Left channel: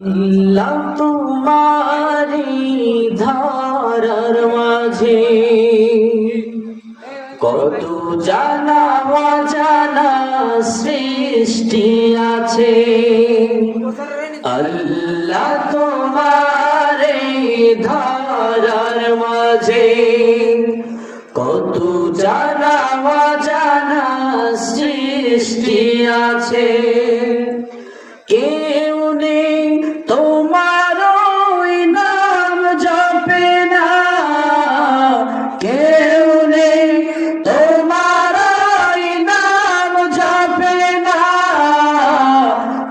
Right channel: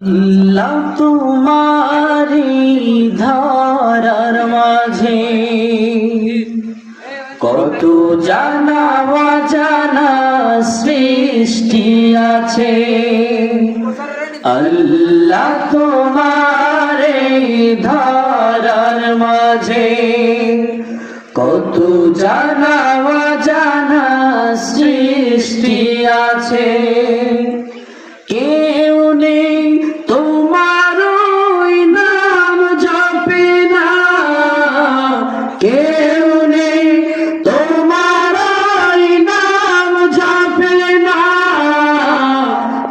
আল্লাহ তোমারি ধারার মাঝে কত জানা অজানা সৃষ্টি আছে। আল্লাহ তোমারি ধারার মাঝে কত জানা অজানা সৃষ্টি আছে। কেউ নেই তোমার ওই নাম জপে না, কেউ নেই তোমার ওই নাম জপে না।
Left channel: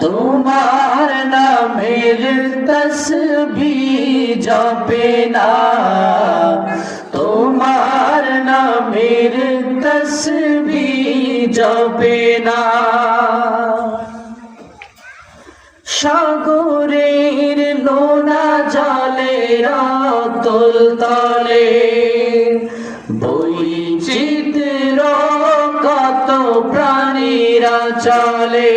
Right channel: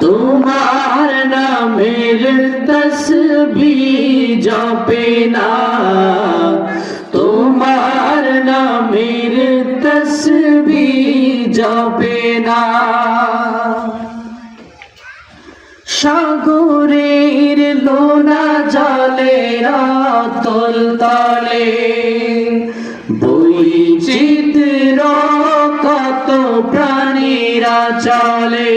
তোমার নামের তসবিহ জপে না, তোমার নামের তসবিহ জপে না। সাগরের লোনা জলের অতল তলে বৈচিত্র্য কত প্রাণীরা চলে।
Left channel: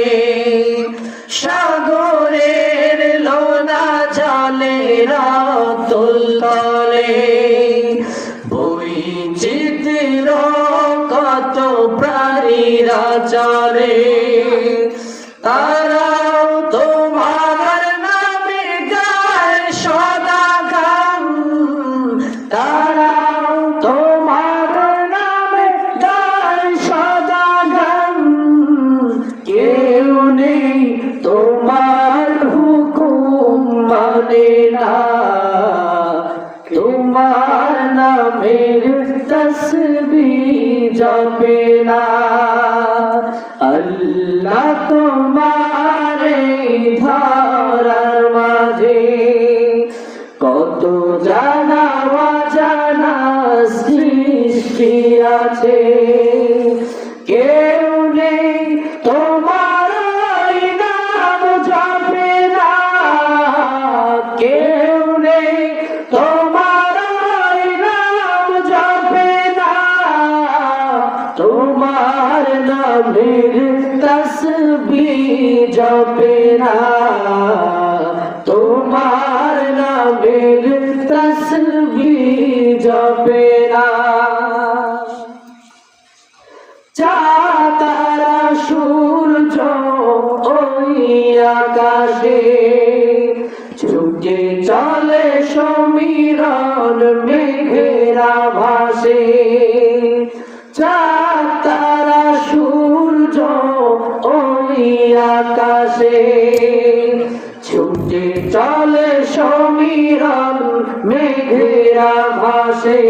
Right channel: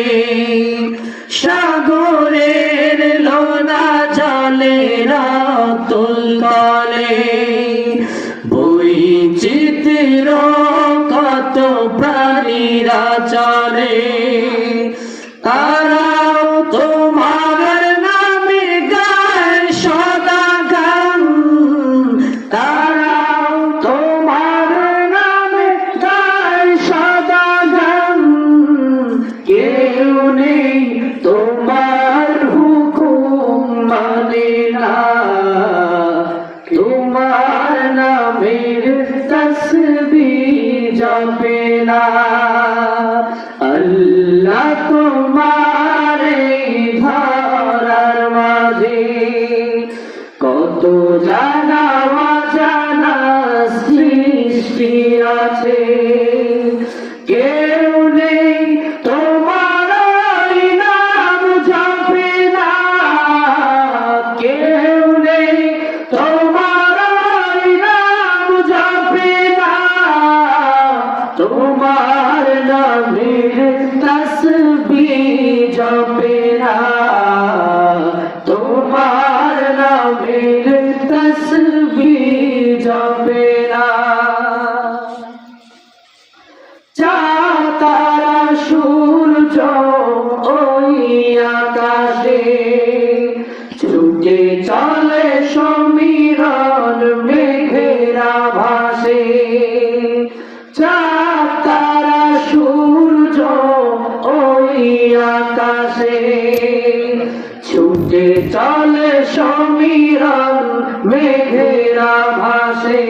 সাগরের লোনা জলের অতল তলে বৈচিত্র্য কত প্রাণীরা চলে। তারাও তোমার নামে গায় সদা গান, তারাও তোমার নামে গায় সদা গান। কেউ নেই তোমার হুকুম মানে না, তোমার নামের তসবিহ জপে না। আল্লাহ তোমারে ধরার মাঝে কত জানা অজানা সৃষ্টি আছে। কেউ নেই তোমার ওই নাম জপে না, কেউ নেই তোমার ওই নাম জপে না। তোমার নামের তসবিহ জপে না, তোমার নামের তসবিহ জপে না। চাঁদ সূর্য ওই আকাশে ছুটে চলে সমীরণ মেঘেরা ভাসে। চাঁদ সূর্য ওই আকাশে ছুটে চলে সমীরণ মেঘেরা ভাসে।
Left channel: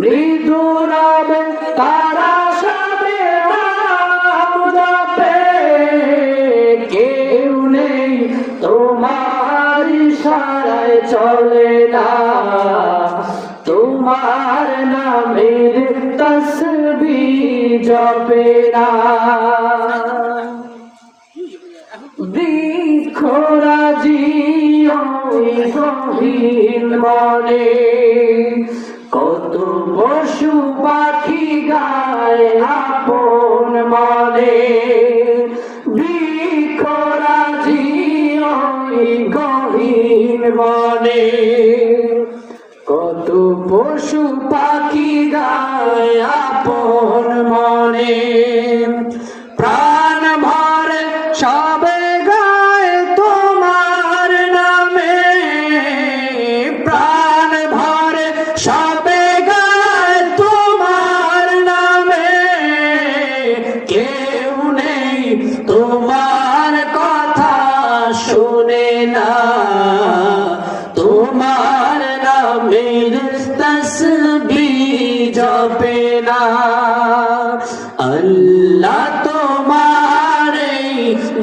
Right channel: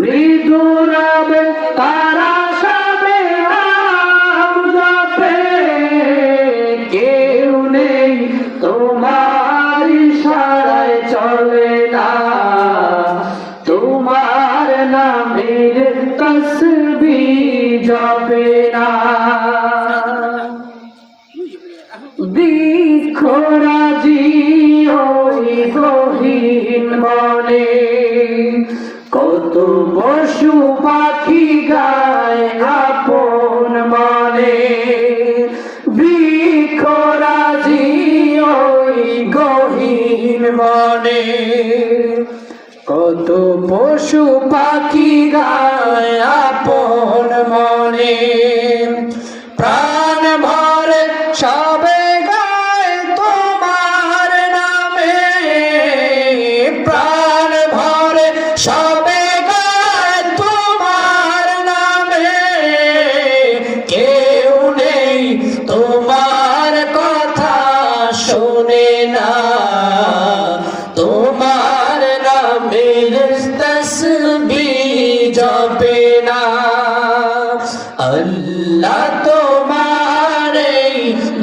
মৃদু নামে তারা সবে নাম জপে, কেউ নেই তোমার ইশারায় চলে না। তোমার নামের তসবিহ জপে না। বৃক্ষরাজি ওই গহীন মনে কত পশু পাখি গায় আপন মনে। বৃক্ষরাজি ওই গহীন মনে কত পশু পাখি গায় আপন মনে। প্রাণ ভরে সবে গায় তোমার নামে, প্রাণ ভরে সবে গায় তোমার নামে। কেউ নেই তোমার কথা শোনে না, তোমার নামের তসবিহ জপে না। আল্লাহ তোমারে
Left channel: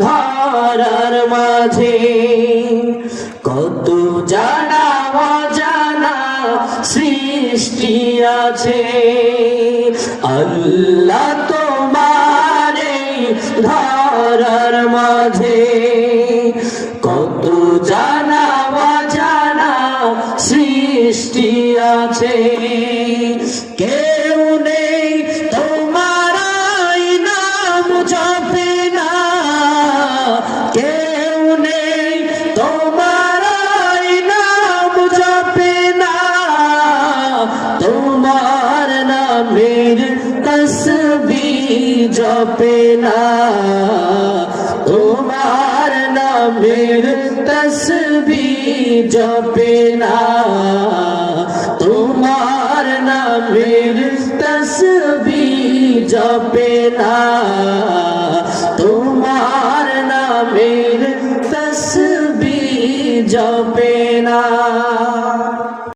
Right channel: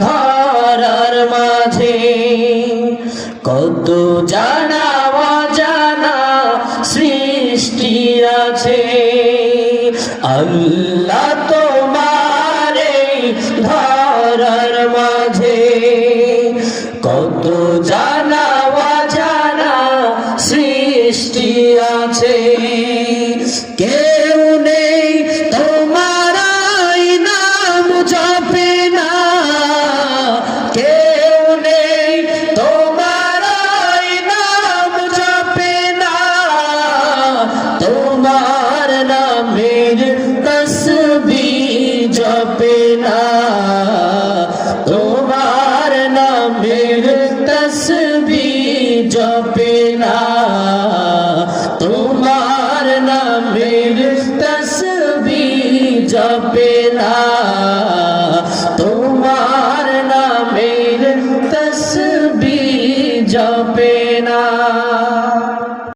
ধরার মাঝে কত জানা অজানা সৃষ্টি আছে। আল্লাহ তোমারে ধরার মাঝে কত জানা অজানা সৃষ্টি আছে। কেউ নেই তোমার নাম জপে না, কেউ নেই নামের তসবিহ জপে না, তোমার নামের তসবিহ জপে না, তোমার নামের তসবিহ জপে না।